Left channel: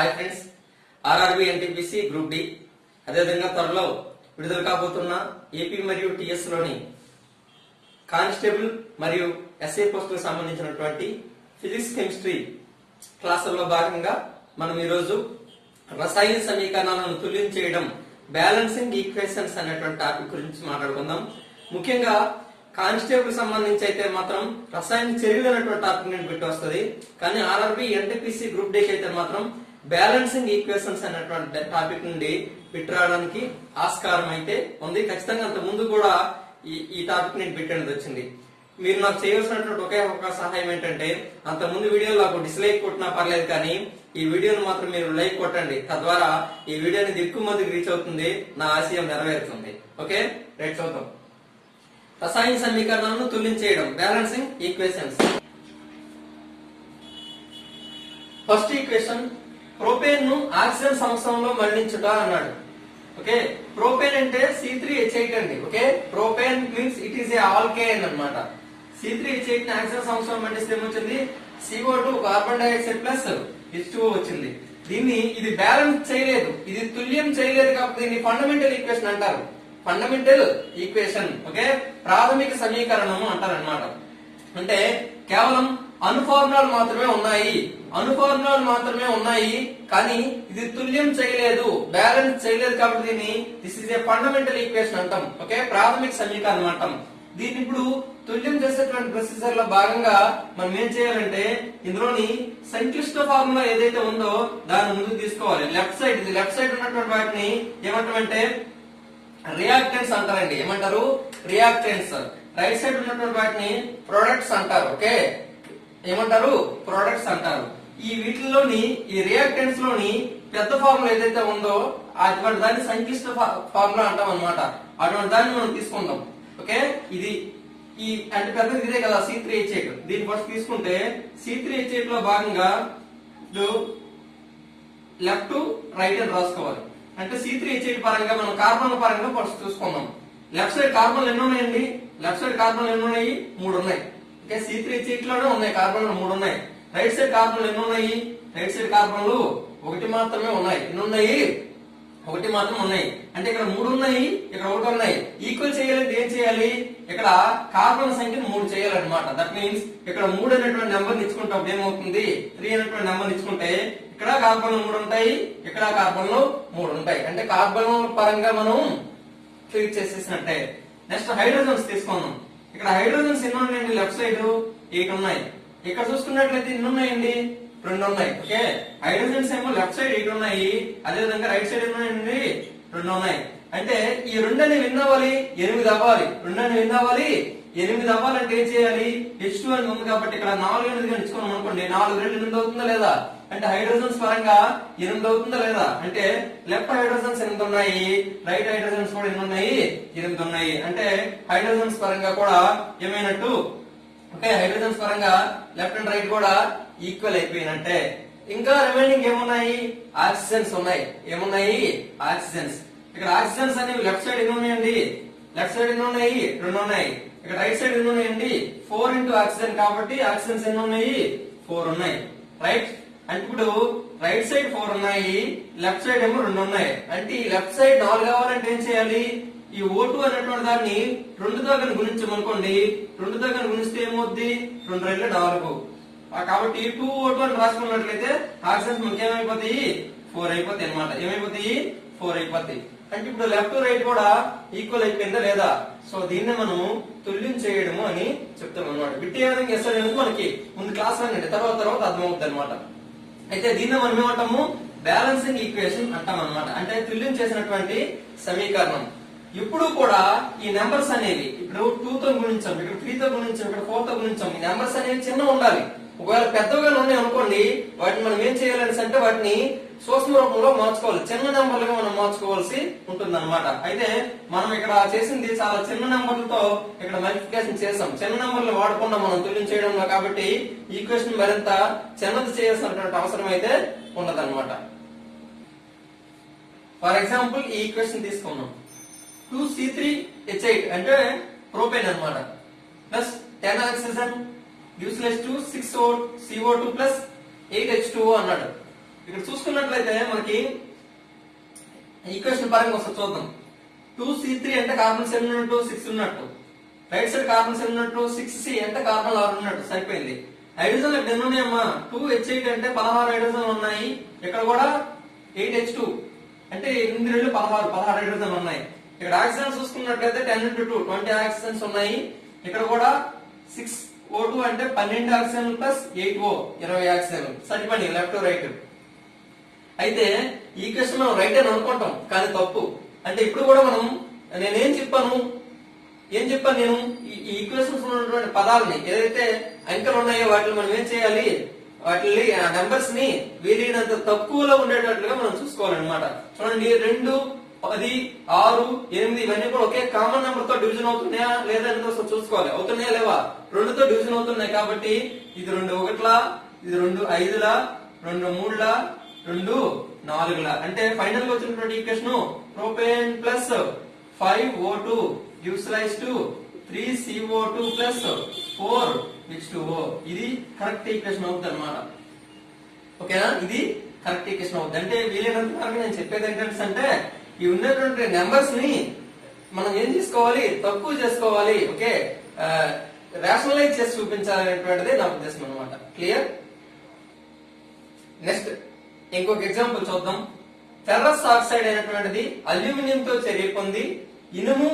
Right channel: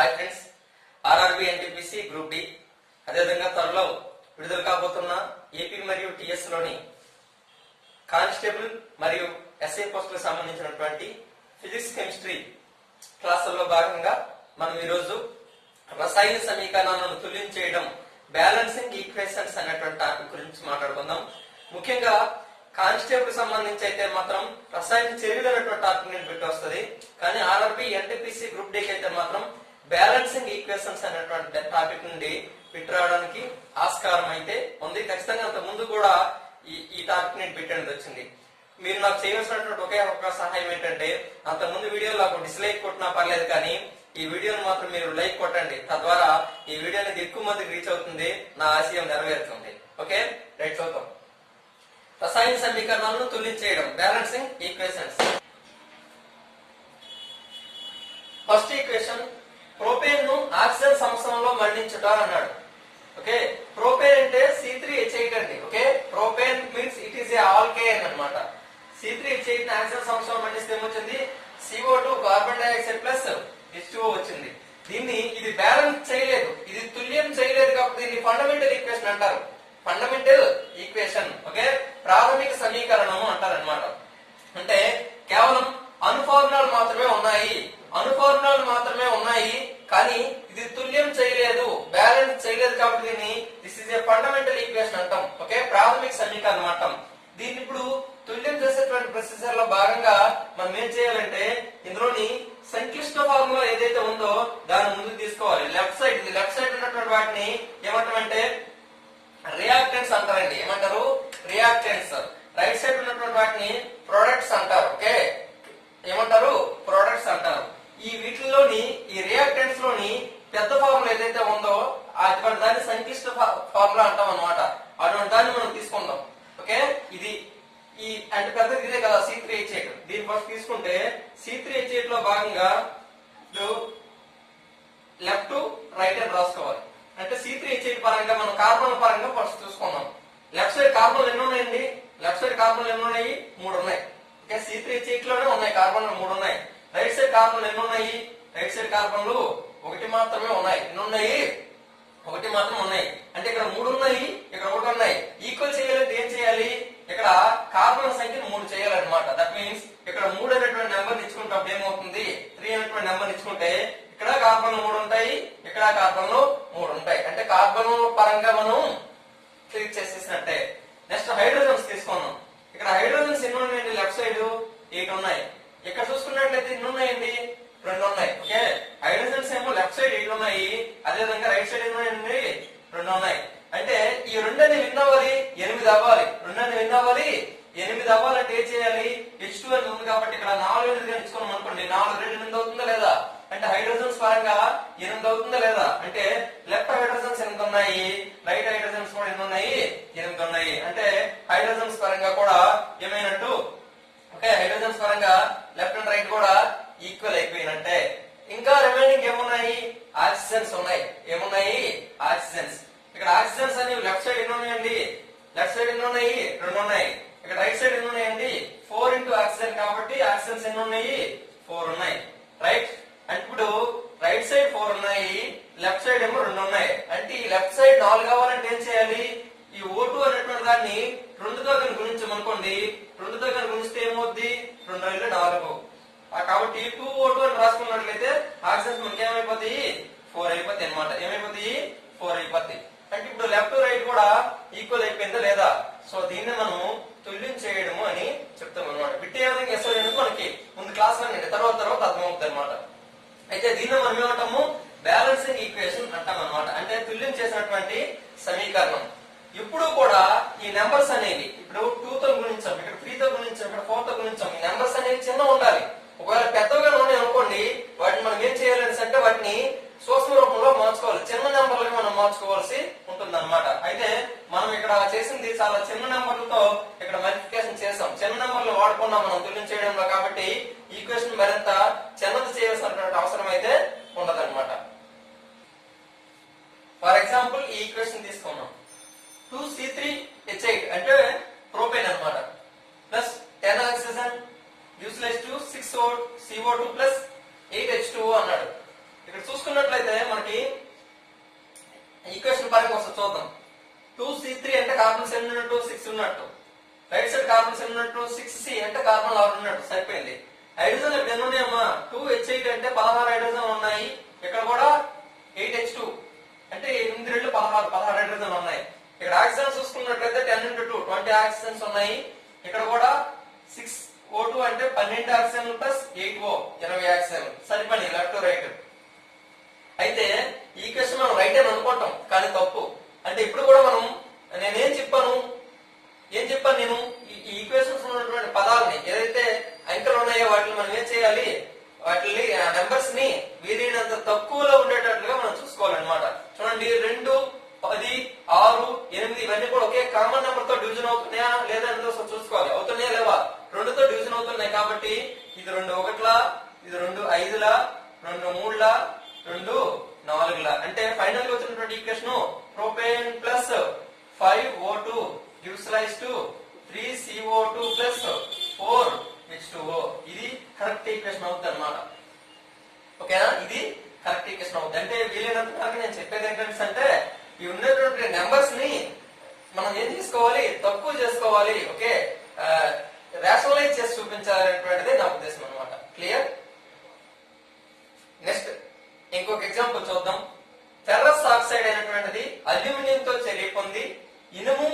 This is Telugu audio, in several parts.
Hi friends, RRB NTPC group D అదేవిధంగా త్వరలో విడుదల కాబోతున్న ఏపీ మరియు టిఎస్ లోని కానిస్టేబుల్ మరియు ఎస్ఐ పోస్టులకు సంబంధించినటువంటి ఫిజిక్స్ కెమిస్ట్రీ క్లాసుల్లో భాగంగా మనం ఈరోజు రసాయన సమీకరణాలను తుల్యం చేయడం, బ్యాలెన్సింగ్ ఈక్వేషన్స్ అనేటువంటి టాపిక్ గురించి మాట్లాడుకుందాం. ముఖ్యంగా కానిస్టేబుల్ సంబంధించి అయితే మాత్రం రసాయన చర్యలు అనేటువంటి టాపిక్ నేను పెట్టి వస్తుంది. కానీ ఆర్ఆర్బి ఎన్టీపీసీ గ్రూప్ డి అయితే మాత్రం బ్యాలెన్సింగ్ ఈక్వేషన్స్ అనేటువంటి టాపిక్ నుండి పెట్టి రావడానికి ఆస్కారం అయితే ఉంది. ఖచ్చితంగా అంత ముందు కూడా ఈ టాపిక్ నేను పెట్టేది వచ్చింది. మీరు నాకు చేయవలసినటువంటి ఒకే ఒక సహాయం ఏంటంటే, అంత ముందు వీడియోలో నాకు డిస్లైక్ కొట్టినా పర్లేదు, కానీ ఈ వీడియోను మాత్రం మీరు లైక్ కొట్టండి. తద్వారా ఈ వీడియో అనేది ఎక్కువ మందికి రీచ్ అవుతుంది, నా ఆశయం నెరవేరుతుంది. ఓకే, రైట్, చూద్దాం. రసాయన సమీకరణాలను తుల్యం చేయడం, balancing equations. First equation, propane ను ఆక్సిజన్ సంవత్సరంలో మండించుట అన్నాడు. ఓకే, ప్రోపేన్ అంటే C3H8 అండి. Okay, propane means it is a alkane అన్నమాట. C3H8 ని ఆక్సిజన్ సంవత్సరం మండిస్తే ఏమొచ్చింది? CO2 carbon dioxide plus H2O వచ్చింది. ఇది బ్యాలెన్స్ చేయలేదు, ఇది తుల్యం చేయలేదు కాబట్టి దీన్ని ఫండమెంటల్ ఈక్వేషన్ అంటారు. ఫండమెంటల్ ఈక్వేషన్, ఓకే, ప్రాథమిక సమీకరణము అంటారు అనమాట. అంటే కేవలం అనుఫార్ములాలు మాత్రమే ఉన్నాయి, కానీ ఇది తుల్యం చేయలేదు, బ్యాలెన్స్ చేయలేదు కాబట్టి దీన్ని this is a fundamental equation అంటాం. ఓకే, ప్రాథమిక సమీకరణం అంటాం. దీన్ని ఇప్పుడు తుల్యం చేసేటువంటి ప్రొసీజర్ లో భాగంగా మనం ఏం చేయాలంటే, ఇందులోని సంక్లిష్ట ఫార్ములా ఏదైతే ఉందో దాన్ని ముందుకు తీసుకోవాలి. లెఫ్ట్ సైడ్ ఉన్నటువంటి వాటిని ఏమంటామంటే రియాక్టెంట్స్ అంటారండి. ఏమంటారు? రియాక్టెంట్స్. రైట్ సైడ్ ఉన్నటువంటి వాటిని ప్రొడక్ట్స్ అంటారు. ఓకే, ఏమంటారు? ప్రొడక్ట్స్ అంటారు. ఈ వీటిలోని ఈ రియాక్టెంట్స్ లోని పెద్ద ఫార్ములా ఏదైతే ఉందో అటువంటి దాన్ని సంక్లిష్ట ఫార్ములా అంటాం అనమాట. అటువంటి దాన్ని మనం తీసుకుందాం. ఓకే, ఇది ఈ అంటే పెద్దది ఇదే కదా, C3H8. దీన్ని ఫస్ట్ తీసుకుంటే C3H8 లో భాగంగా లెఫ్ట్ రైట్ అని రాసుకోవాలి. అంటే C3H8 పరంగా మనం కార్బన్ పరంగా ఫస్ట్ చూసుకుందాం. లెఫ్ట్ సైడ్ కార్బన్లు ఎన్ని ఉన్నాయండి? లెఫ్ట్ సైడ్ కార్బన్లు ఎన్ని ఉన్నాయి? 3 ఉన్నాయి. ఓకే, C3H8 లోనే ఉన్నాయి కార్బన్లు 3 ఉన్నాయి. రైట్ సైడ్ కార్బన్లు ఎన్ని ఉన్నాయి? రైట్ సైడ్ కార్బన్లు 1 మాత్రమే ఉన్నాయి. ఎన్ని ఉన్నాయి? 1 మాత్రం ఉన్నాయి. అంటే ఇక్కడ 3 ఉన్నాయి, ఇక్కడ 1 ఉన్నాయి. ఈక్వల్ చేయాలంటే ఏం చేయాలి? ఇక్కడ కార్బన్ సంఖ్యను 3 చేయాలన్నమాట. దట్ మీన్స్ ఇక్కడ 3 అనేటువంటి నెంబర్ ఇచ్చుకుంటే ఏమవుతుంది? 3 అనేటువంటి నెంబర్ ఇచ్చుకుంటే ఇక్కడ కార్బన్లు 3 ఉంటాయి, ఇక్కడ కార్బన్లు 3 ఉంటాయి. అంటే కార్బన్ పరంగా మనం ట్రీట్ చేసేసినట్టే. నెక్స్ట్ హైడ్రోజన్స్ తీసుకుందాం. ఇక్కడ హైడ్రోజన్స్ ఎన్ని ఉన్నాయండి? లెఫ్ట్ సైడ్ 8 ఉన్నాయి. ఇక్కడ చూసుకున్నట్లయితే ఎన్ని ఉన్నాయండి? 2 ఉన్నాయి. ఓకే, హైడ్రోజన్స్ ఏమో లెఫ్ట్ సైడ్ 8 ఉన్నాయి, అదే విధంగా రైట్ సైడ్ ఎన్ని ఉన్నాయండి? 2 ఉన్నాయి. అంటే ఈ 2 అనేవి ఎన్ని అవ్వాలి? 8 అవ్వాలి. 2 అనేవి ఎన్ని అవ్వాలి? 8 అవ్వాలంటే ఏం చేయాలి? H2 అని ఉంది కాబట్టి ఇక్కడ 4 8 ఇచ్చుకున్నాం అనుకోండి, 4 2 8 అవుతుందా లేదా? అంటే హైడ్రోజన్స్ పరంగా 8 అవుతుందా లేదా? అంటే లెఫ్ట్ హైడ్రోజన్స్ 8 ఉన్నాయి, రైట్ హైడ్రోజన్స్ కూడా ఎన్ని ఉన్నాయి? 8 ఉన్నాయి. అంటే హైడ్రోజన్స్ పరంగా కూడా ఏమైనట్టు? ఓకే, హైడ్రోజన్స్ పరంగా లెఫ్ట్ అండ్ రైట్ కూడా ఈక్వల్ అయిపోయినట్టే. ఇంకా రిమైనింగ్ ఏమున్నాయి? ఆక్సిజన్స్ ఉన్నాయి. ఏమున్నాయి? ఆక్సిజన్స్. ఇక్కడ ఆక్సిజన్స్ అనేవి లెఫ్ట్ సైడ్ ఎన్ని ఉన్నాయండి? లెఫ్ట్ సైడ్ ఎన్ని ఉన్నాయి? 2 ఉన్నాయి. ఇక్కడ రైట్ సైడ్ ఎన్ని ఉన్నాయండి? 4 ఇంటూ ఆక్సిజన్ కాబట్టి ఆక్సిజన్స్ ఎన్ని ఉన్నాయి? 4 ఉన్నాయి. రైట్. అంటే ఇప్పుడు రైట్ సైడ్ 4 ఉన్నాయి, లెఫ్ట్ సైడ్ ఏమో 2 ఉన్నాయి. అంటే ఈ లెఫ్ట్ సైడ్ 4 కావాలంటే ఏం చేయాలి? ఈ O2 అనేటువంటి దాన్ని 2తో కానీ గుణించమనుకోండి, 2తో కానీ గుణిస్తే ఏమవుద్ది? 2 2 4. కాబట్టి 2O2 అని రాసుకున్నట్లయితే ఆక్సిజన్స్ మనకి ఏమైపోతాయి? 4 అయిపోతాయి అనమాట. ఏమైపోతాయి? 4 అయిపోతాయి. అంటే ఇప్పుడు లెఫ్ట్ రైట్ కూడా ఈక్వల్ అయిపోయిందా లేదా? సో దీన్ని మనం తుల్యం చేయడము అని చెప్తాం అనమాట. బిట్టి ఏ విధంగా చేస్తాడు మనకి ముందు క్లాస్ అండి, తర్వాత అర్థమవుతుంది అనమాట. అయితే దీన్ని మనం ఏమంటాము? బ్యాలెన్సింగ్ ఈక్వేషన్ అంటాం అనమాట. అంటే తుల్యం చేసినటువంటి సమీకరణం. ఇప్పుడు కూడా ఈ నెంబర్స్ అనేవి ఇప్పుడు 2 తో గుణించాం, ఇక్కడ 3 తో గుణించాం, ఇక్కడ 4 తో గుణించాం. ఈ నెంబర్స్ అనేవి చిన్న ఉండాలి. ఒకవేళ పెద్దగా ఉన్నాయి అనుకోండి, వాటిని మనం ఏం చేయాలని అంటే వాటిని సూక్ష్మ రూపంలో మార్చుకోవాలి, చిన్న నెంబర్లుగా మనం మార్చుకోవాల్సి ఉంటుంది అనమాట. అయితే మనం ఇక్కడ చేసింది చాలా చిన్న నెంబర్లతో ఇక్కడ మల్టిప్లికేషన్ చేసాం. చిన్న నెంబర్లు వాడుకున్నాం మనం తుల్యం చేయడంలో, కాబట్టి ఈక్వేషన్ మరింత చిన్నది చేయాల్సినటువంటి అవసరం అయితే ఉండదన్నమాట. ఫర్ ఎగ్జాంపుల్ ఈ ఈక్వేషన్ తీసుకున్నాం. 2C3H8 అంటే ప్రోపేన్ అనమాట, plus 10 oxygen useless to 6CO2 plus 8H2O అన్నాడు. ఇక్కడ చూసుకున్నట్లయితే మనకి ఈక్వేషన్ పరంగా వస్తుంది చూద్దాం. 2C3 అంటే కార్బన్స్ ఎన్ని ఉన్నట్టు 6 ఉన్నట్టు, రైట్ సైడ్ కార్బన్స్ ఎన్ని ఉన్నట్టు 6C అంటే కార్బన్ 6 ఉన్నట్టు సరిపోయింది. హైడ్రోజన్ ఇక్కడ ఎన్ని ఉన్నాయమ్మా 2H8 అంటే 16 హైడ్రోజన్ ఉన్నాయి, ఇక్కడ కూడా 8H2 అంటే 8 2 16 హైడ్రోజన్ ఉన్నాయి. ఇక్కడ ఆక్సిజన్ చూసుకున్నట్లయితే 10 × 2 20 ఆక్సిజన్స్ ఉన్నాయి, ఇక్కడ కూడా 6O2 అంటే 12 ఆక్సిజన్ ప్లస్ 8O 20 ఆక్సిజన్ సరిపోయి లెఫ్ట్ రైట్. అయితే ఈ ఈక్వేషన్ మనం రైట్ అని అనుకుంటాం కానీ తప్పు. అంటే ఇప్పుడు కూడా మనం నేనేం చెప్పాను నేను ఈ ఈక్వేషన్స్ ఉన్నటువంటి పదాలని ఏదైతే అంకెలు ఉన్నాయో వాటిని మనం ఏం చేయాలి, వాటిని నెంబర్స్ ని వీరినంత తక్కువలో ఉండేటట్లుగా మనం చూసుకోవాలన్నమాట. చూడండి 2, 10, 6, 8 ఇవన్నీ కూడా ఒకే కామన్ నెంబర్ తో డివిజన్ అవుతున్నాయా లేదా అనేది చూసుకోవాలి. అవుతున్నాయా లేవా? 2తో డివిజన్ అవుతున్నాయి కాబట్టి ఇది 2 1లా, ఇది 2 5లా, 2 3లా, 2 4లా. అంటే ఫైనల్ గా వచ్చినటువంటి equation propane plus 5O2 gives rise to 3CO2 plus 4H2O. ఇది కరెక్ట్ ఈక్వేషన్ అవుతుంది అనమాట. ఓకేనా? ఇది కరెక్ట్ ఈక్వేషన్ అవుతుంది. అంటే వీలైనంత వరకు నేను చెప్పేది ఏంటంటే ఈ ఉన్నటువంటి నెంబర్స్ ని మనం ఏం చేసుకోవాలి, తక్కువ చేసుకోవాలి. ఓకే, రేషనలైజ్ చేసి చూపించాలనేటువంటిది నా ఉద్దేశం అనమాట. క్లియర్? నెక్స్ట్ ఇంకొక ఎగ్జాంపుల్ చూద్దాం. ఫెర్రస్ ఆక్సైడ్ అయినటువంటిది అల్యూమినియం తో చర్య పొంది ఇనుము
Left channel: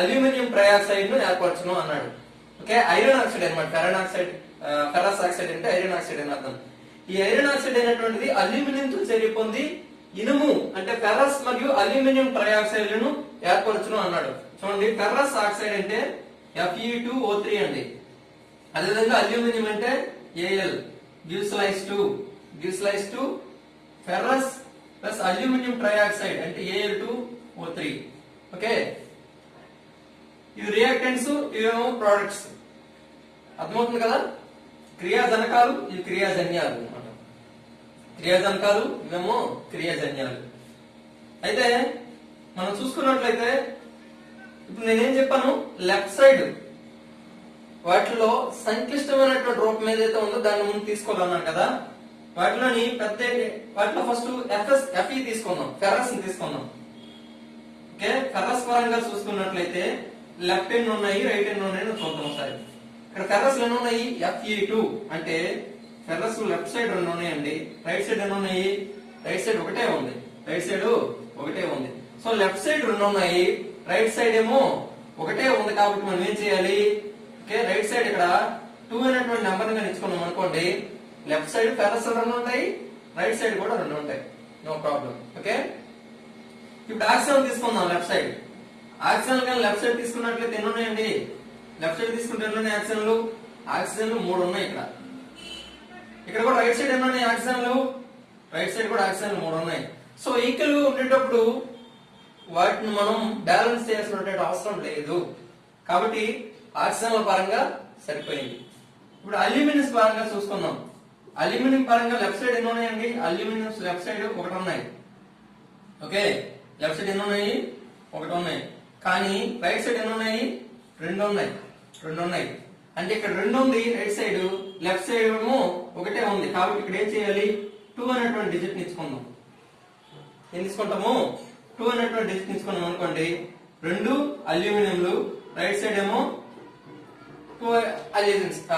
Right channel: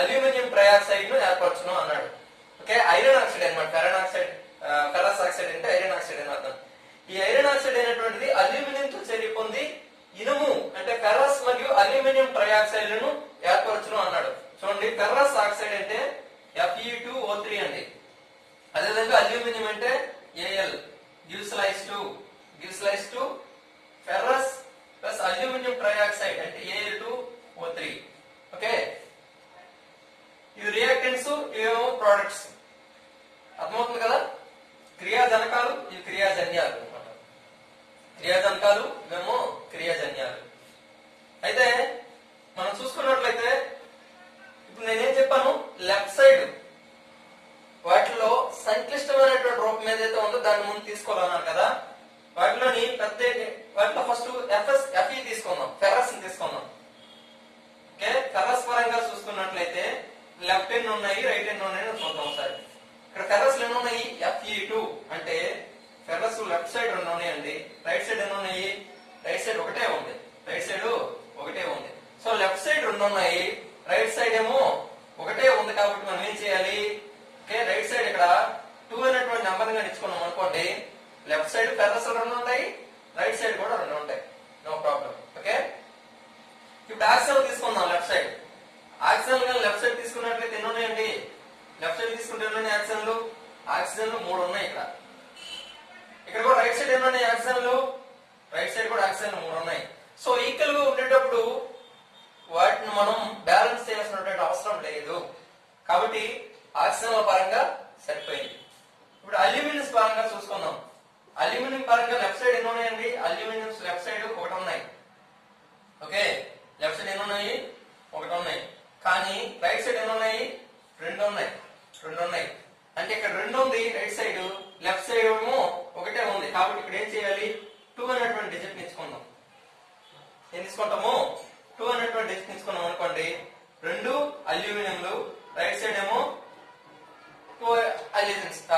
అల్యూమినియం ట్రైఆక్సైడ్ ను ఏర్పరచును అన్నాడు. ఓకే, ఐరన్ ఆక్సైడ్ అనమాట. ఫెర్రస్ ఆక్సైడ్ అంటే ఐరన్ ఆక్సైడ్ అని అర్థం. ఈ ఐరన్ ఆక్సైడ్ అయినటువంటిది అల్యూమినియం తో చర్య పొంది ఇనుము అంటే ఫెర్రస్ మరియు అల్యూమినియం ట్రైఆక్సైడ్ లను ఏర్పరచును అన్నాడు. చూడండి, ఫెర్రస్ ఆక్సైడ్ అంటే Fe2O3 అండి. అదేవిధంగా అల్యూమినియం అంటే Al gives rise to ferrous plus aluminium trioxide అంటే Al2O3. ఓకే, ఇవి రియాక్టెంట్స్, ఇవేమో ప్రొడక్ట్స్. అర్థమవుతుంది కదా? క్రియాజనకాలు, ఇవి క్రియాజన్యాలు. క్రియాజనకాలు, ఇవేమో క్రియాజన్యాలు. అయితే మనం చూసుకున్నట్లయితే ఇప్పుడు నేనేం చెప్పాను, లెఫ్ట్ సైడ్ వాటిలో సంక్లిష్టమైనటువంటి రూపం ఏదైతే ఉందో దాన్ని ముందు తీసుకోవాలన్నాను కదా. వాటిలో ఫస్ట్ Fe తీసుకుందాం, ఫెర్రస్ ని తీసుకుందాం. ఓకే, ఫెర్రస్ పరంగా చూసుకున్నట్లయితే లెఫ్ట్ హ్యాండ్ ఉన్నాయి, రైట్ హ్యాండ్ ఉన్నాయి చూద్దాం ఒకసారి. ఇక్కడ ఫెర్రస్ ఎన్ని ఉన్నాయి, Fe2 అంటే ఫెర్రస్ లెఫ్ట్ సైడ్ 2 ఉన్నాయండి, రైట్ సైడ్ ఎన్ని ఉన్నాయి, రైట్ సైడ్ ఒకటే ఉంది. సో లెఫ్ట్ సైడ్ 2 ఉన్నాయి, రైట్ సైడ్ ఏమో ఒకటే ఉంది కాబట్టి మనం ఏం చేయాలి, ఓకే రైట్ సైడ్ ఇక్కడ 2 అనేటువంటి నెంబర్ గా ఇచ్చుకున్నాం అనుకోండి, లెఫ్ట్ సైడ్ ఫెర్రస్ 2 ఉంటాయి, రైట్ సైడ్ కూడా 2 ఉంటాయి, నో ప్రాబ్లం. ఓకే, ఇప్పుడు ఆక్సిజన్ తీసుకుందాం. లెఫ్ట్ సైడ్ ఆక్సిజన్ కానీ లెఫ్ట్ సైడ్ తీసుకున్నట్లయితే ఎన్ని ఉన్నాయండి, లెఫ్ట్ సైడ్ తీసుకుంటే ఎన్ని ఉన్నాయి ఆక్సిజన్లు 3 ఉన్నాయి. ఇక్కడ కూడా రైట్ సైడ్ ఎన్ని ఉన్నాయి రైట్ సైడ్ కూడా ఆక్సిజన్లు 3 ఉన్నాయి. సో ఈక్వల్ గా ఉండేటప్పుడు వాటిని మనం బ్యాలెన్స్ చేయాల్సినటువంటి అవసరం లేదు కాబట్టి ఆక్సిజన్ల పరంగా సరిపోయింది. ఇప్పుడు అల్యూమినియం పరంగా చూసుకుందాం. అల్యూమినియం పరంగా లెఫ్ట్ సైడ్ ఎన్ని ఉన్నాయండి, అల్యూమినియం లెఫ్ట్ సైడ్ 1 ఉన్నాయి. ఓకే, లెఫ్ట్ సైడ్ ఎన్ని ఉన్నాయి, 1 ఉన్నాయి. కానీ రైట్ సైడ్ ఎన్ని ఉన్నాయి, 2 ఉన్నాయి. అంటే ఇక్కడ 2 ఉంది రైట్ సైడ్, లెఫ్ట్ సైడ్ ఏమో ఒకటే ఉంది కాబట్టి ఇక్కడ ఏం చేయాలి, 2 అనేటువంటి డిజిట్ తీసుకుందాం. ఏం తీసుకుంటాము, 2 అనేటువంటి డిజిట్ తీసుకున్నాం అనుకోండి, 2 అల్యూమినియంలు, రైట్ సైడ్ ఏమో 2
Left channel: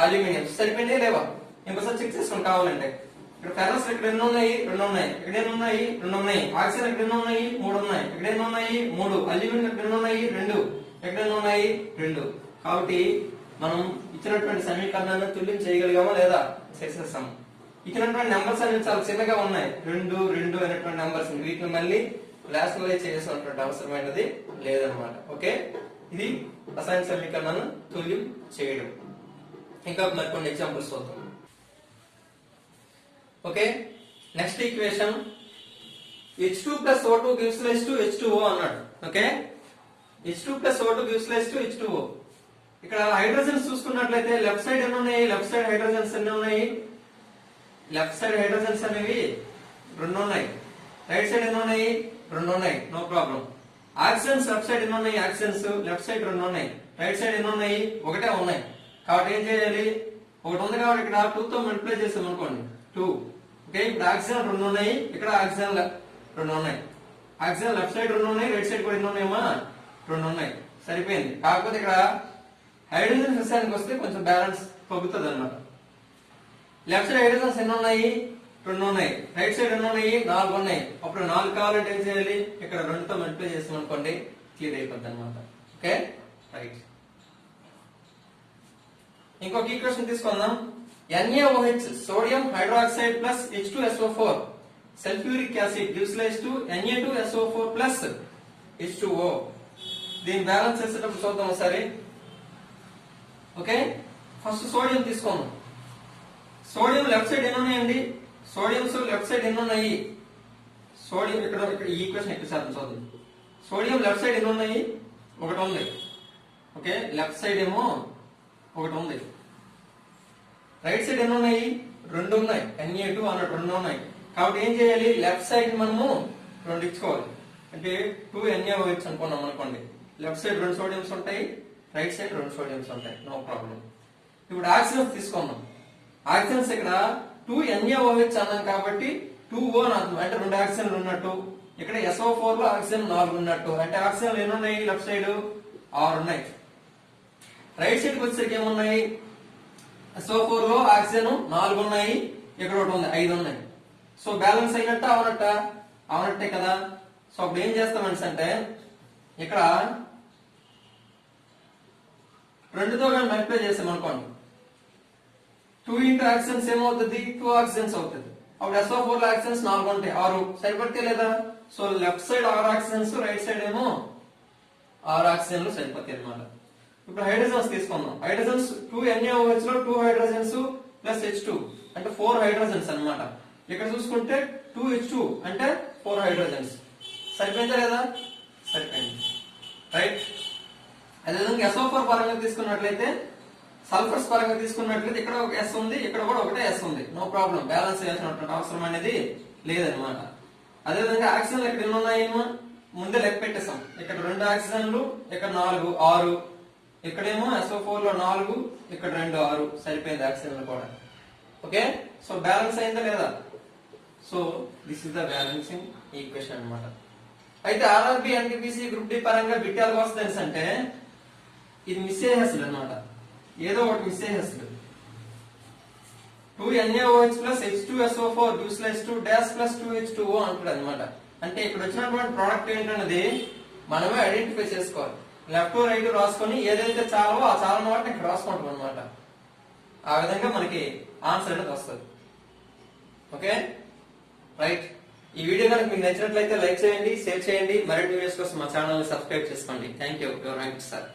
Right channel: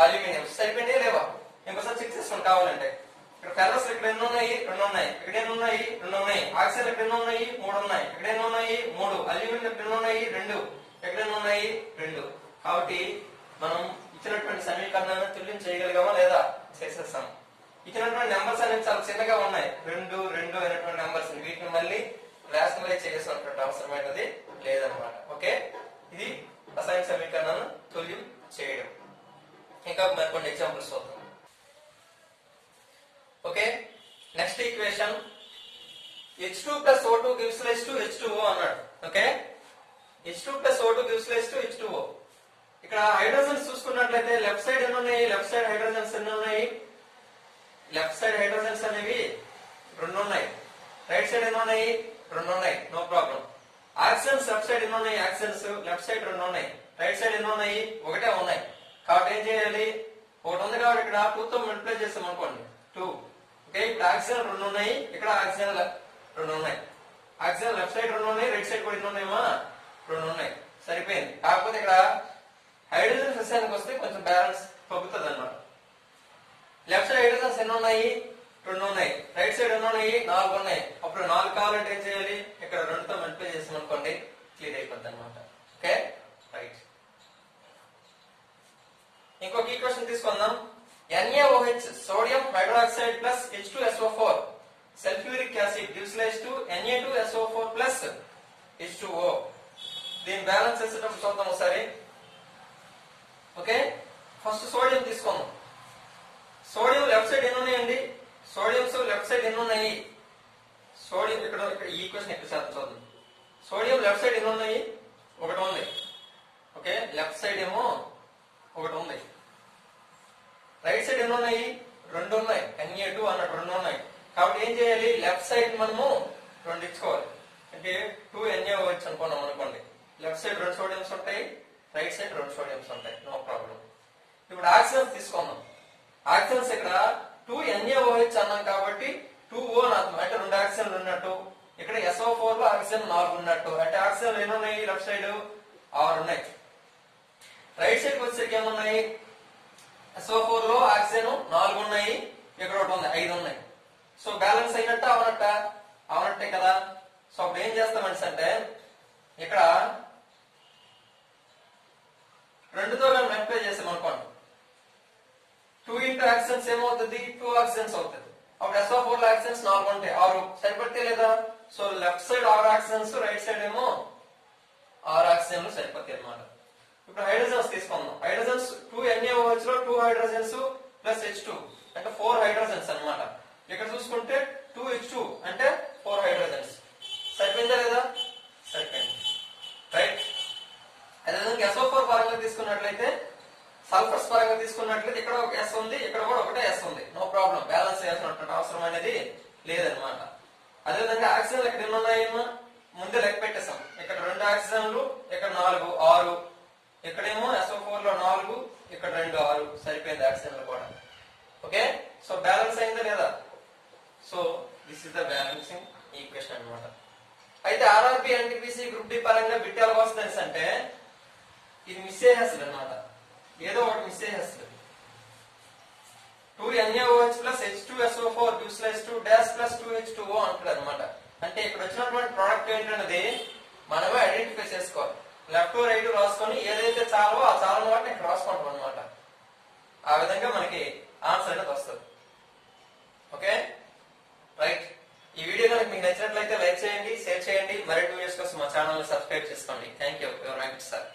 అల్యూమినియం. సరిపోయింది లేవా? ఇంకోసారి చెక్ చేసుకుని కావాలంటే. ఇక్కడ ఫెర్రస్ ఇక్కడ ఎన్ని ఉన్నాయి, 2 ఉన్నాయి. ఇక్కడ ఎన్ని ఉన్నాయి, 2 ఉన్నాయి. ఆక్సిజన్ ఇక్కడ ఎన్ని ఉన్నాయి, 3 ఉన్నాయి. ఇక్కడ ఎన్ని ఉన్నాయి, 3. అల్యూమినియం ఇక్కడ ఎన్ని ఉన్నాయి, 2. ఎక్కడ ఎన్ని ఉన్నాయి, 2. కాబట్టి మనం ఇచ్చినటువంటి సమీకరణాన్ని తుల్యం చేయగలిగామా లేదా, చేసేస్తాము. ఇచ్చినటువంటి నెంబర్స్ అనేవి చాలా చిన్నగా ఉన్నాయి, 2 అనేటువంటి నెంబర్స్. వీటిని మళ్ళీ రేషనలైజ్ చేయాల్సినటువంటి అవసరమైనది లేదనమాట. ఓకే, ఇది రసాయన సమీకరణాలను తుల్యం చేయడం. ఇంకా మరికొన్ని ఎగ్జాంపుల్స్ చూద్దాం. Okay, next equation H2 plus O2 gives rise to H2O అన్నాడు. Okay, H2 plus O2 gives rise to H2O. ఇక్కడ హైడ్రోజన్స్ చూసుకున్నట్లయితే లెఫ్ట్ సైడ్ ఎన్ని ఉన్నాయి, లెఫ్ట్ సైడ్ హైడ్రోజన్స్ ఎన్ని ఉన్నాయి, లెఫ్ట్ సైడ్ హైడ్రోజన్స్ అనేవి 2 ఉన్నాయి. రైట్ సైడ్ ఎన్ని ఉన్నాయి, 2 ఉన్నాయి, no problem. Oxygens left side ఎన్ని ఉన్నాయి, ఆక్సిజన్స్ లెఫ్ట్ సైడ్ 2 ఉన్నాయి. రైట్ సైడ్ ఎన్ని ఉన్నాయి, ఒకటే ఉన్నాయి. కాబట్టి ఏం చేయాలి, ఒకటి ఉంది కాబట్టి ఇక్కడ 2 తో మల్టిప్లై చేసాం అనుకోండి, 2 ఓకే, ఇప్పుడు ఆక్సిజన్ 2 ఉన్నాయి, ఇక్కడ ఆక్సిజన్ 2 ఉన్నాయి. ఆక్సిజన్ లెఫ్ట్ సైడ్ 2 ఉన్నాయి, రైట్ సైడ్ కూడా ఎన్ని ఉన్నాయమ్మా? 2 ఉన్నాయి. సరిపోయింది. కాకపోతే ఇక్కడ హైడ్రోజన్ విషయానికి వస్తే కొంచెం బ్యాలెన్స్ తగ్గుతుంది అన్నమాట. లెఫ్ట్ సైడ్ హైడ్రోజన్స్ ఎన్ని ఉన్నాయి? 2 ఉన్నాయి. రైట్ సైడ్ ఎన్ని ఉన్నాయి? 4 ఉన్నాయి. అప్పుడు 4 కావాలంటే ఏం చేయాలి? ఇక్కడ 2తో మల్టిప్లై చేసాం అనుకోండి, క్లియర్ అయిపోద్ది అనమాట. Okay, right. ఇంకొక ఈక్వేషన్ తీసుకుందాం. NaOH sodium hydroxide plus H2SO4 sulphuric acid gives rise to Na2SO4 plus H2O. దీని బ్యాలెన్స్ చేసేటప్పుడు చూద్దాం ఒకసారి. ఓకే, ఫస్ట్ సోడియం తీసుకుందాం. సోడియం లెఫ్ట్ సైడ్ ఎన్ని ఉన్నాయండి? సోడియంస్ లెఫ్ట్ సైడ్ ఎన్ని ఉన్నాయి? సోడియం ఇక్కడ ఈ ఈక్వేషన్ ఎక్కువ శాతం చూద్దాం. సోడియం లెఫ్ట్ సైడ్ ఎన్ని ఉన్నాయి? 1 ఉంది. ఓకే, లెఫ్ట్ సైడ్ ఏమో 1 ఉంది. రైట్ సైడ్ ఎన్ని ఉన్నాయి? 2 ఉన్నాయి. Na2 అన్నట్టు 2 ఉన్నాయి. కాబట్టి ఏం చేయాలి? లెఫ్ట్ సైడ్ మనము 2 ఇచ్చుకోవాలి. అంటే 2 NaOH అనుకున్నాం అనుకోండి. లెఫ్ట్ సైడ్ 2 సోడియంస్ ఉంటాయి, రైట్ సైడ్ 2 సోడియంస్ ఉంటాయి. No problem. ఇప్పుడు ఆక్సిజన్స్ తీసుకుందాం. ఆక్సిజన్స్ ఇక్కడ 2 NaOH అన్నాం కాబట్టి 2O అని అర్థం. అంటే 2 ఆక్సిజన్లు ఉన్నట్టు. ఇక్కడ SO4 లో ఆక్సిజన్ 4 ఉన్నట్టు. అంటే ఆక్సిజన్లు ఎన్ని ఉన్నాయి? లెఫ్ట్ సైడ్ 6 ఉన్నాయి. రైట్ సైడ్ వచ్చేసరికి ఏమున్నాయి? SO4 లో ఆక్సిజన్ 4 ఉన్నాయి, ఇక్కడ 1 ఉంది, 5 ఉన్నాయి. So balance అయినట్ట అవనట్ట? అవనట్టే కదా. సో అప్పుడు ఏం చేస్తామంటే అంటే ఇక్కడ 2తో కానీ మల్టిప్లై చేసాం అనుకోండి, 2 ఇంటూ ఆక్సిజన్స్ ఏమవుతుంది? 2 ఆక్సిజన్స్ అవుతుంది. అప్పుడు SO4 లో ఆక్సిజన్స్ 4 ఉంటాయి, 6 సరిపడితే లేదా? So left side 6 oxygens, right side ఏమో 6 ఆక్సిజన్లు సరిపోతాయి అన్నమాట. ఇప్పుడు హైడ్రోజన్స్ తీసుకుందాం. హైడ్రోజన్స్ 2 NaOH లో 2 హైడ్రోజన్స్ ప్లస్ H2 అంటే 4 హైడ్రోజన్స్ అన్నమాట. ఇక్కడ చూసుకుంటే 2 H2 అంటే 4 హైడ్రోజన్స్. సరిపోయిందా లేదా? సరిపోయింది, రైట్. అదేవిధంగా SO4 పరంగా తీసుకున్నట్లయితే, సల్ఫర్స్ పరంగా తీసుకున్నట్లయితే ఇక్కడ ఒక S ఉంది, ఇక్కడ కూడా ఒకటే S ఉంది. నో ప్రాబ్లం, బ్యాలెన్స్ చేయాల్సినటువంటి అవసరం అనేది లేదనమాట. అదేవిధంగా ఆక్సిజన్లు ఇక్కడ ఎన్ని ఉన్నాయేమో ముందే లెక్క పెట్టేసాం. ఇక్కడ 2 ఆక్సిజన్లు, ఇక్కడ 4 6. ఇక్కడేమో SO4 లో 4, ఇక్కడ 2 6. సరిపోయింది ఆక్సిజన్లు కూడా. ఓకే, సో బ్యాలెన్స్ అయిందా లేదా? So this is the balancing equation అన్నమాట. అయితే RRB NTPC గ్రూప్ బి పరంగా బిట్ ఎలా వస్తుంది అంటే ఇది మిస్ చేసేస్తుంది అనమాట. ఏదో ఒకటి మిస్ చేసేస్తుంది. 2 NaOH plus H2SO4 gives rise to dash plus 2 H2O అంటాడు అనమాట. అంటే ఇక్కడ వచ్చినటువంటి ప్రోడక్ట్ ఏంటన్నది మనమే ఐడెంటిఫై చేసుకోవాలి. లెఫ్ట్ రైట్ రాసుకొని ఏదైతే చాలవో ఆ చాలని వాటిని ఇక్కడ రాసుకుంటాం అనమాట. ఆ విధంగా మనకి ఆన్సర్ అనేది వస్తుంది. Okay, right. ఈ వీడియో కనుక మీకు నచ్చినట్లయితే లైక్ చేయండి, షేర్ చేయండి. మరిన్ని వీడియోస్ కోసం మా ఛానల్ ని సబ్స్క్రైబ్ చేసుకోండి. Thank you, your Venkat sir.